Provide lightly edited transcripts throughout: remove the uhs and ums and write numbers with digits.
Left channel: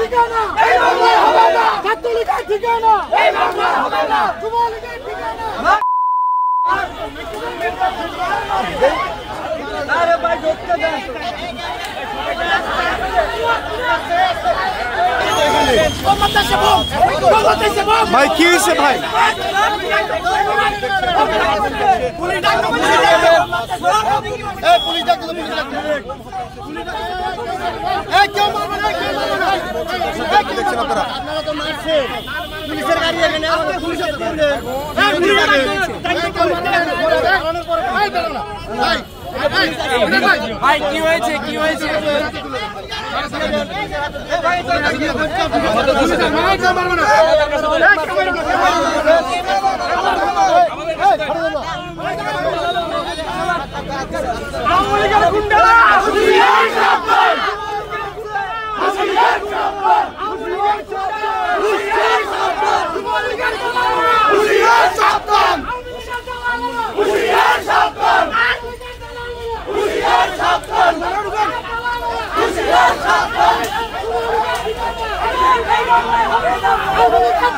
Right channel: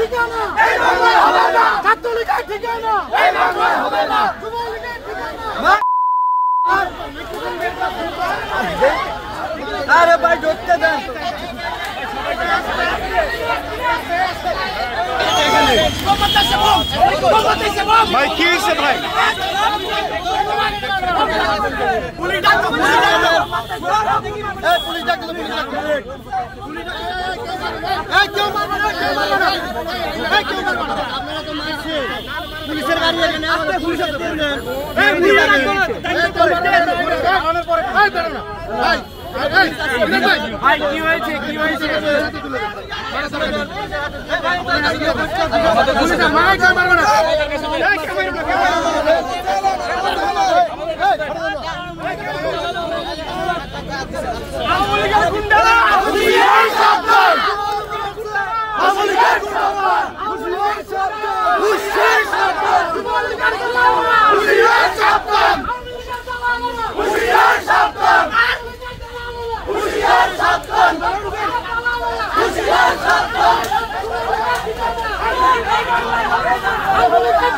ঠিকানা এই বাংলায় হবে না, ছাত্রলীগের ঠিকানা এই বাংলায় হবে না, যুবলীগের ঠিকানা। আরে ভাই ধরতে দেন, ভাই কি হয়েছে ভাই? আপনারা তো মারছেন, পুলিশের গাড়ি এখানে পুলিশের ভাই কি হয়েছে, কি হয়েছে?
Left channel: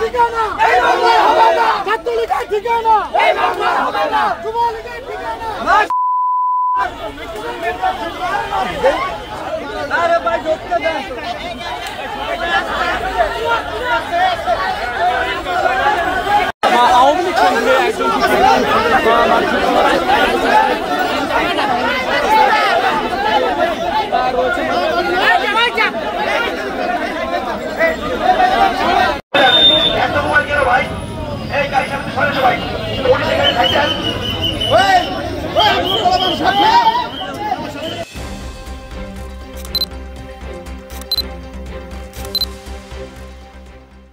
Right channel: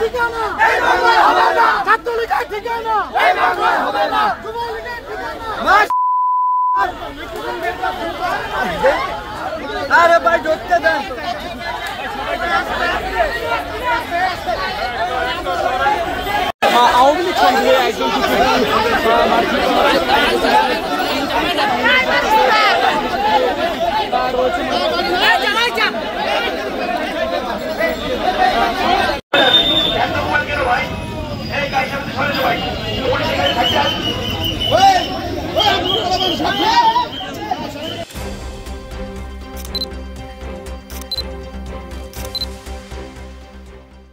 ঠিকানা এই বাংলায় হবে না, ছাত্রলীগের ঠিকানা এই বাংলায় হবে না, যুবলীগের ঠিকানা। আরে ভাই ধরতে দেন, আওয়ামী লীগ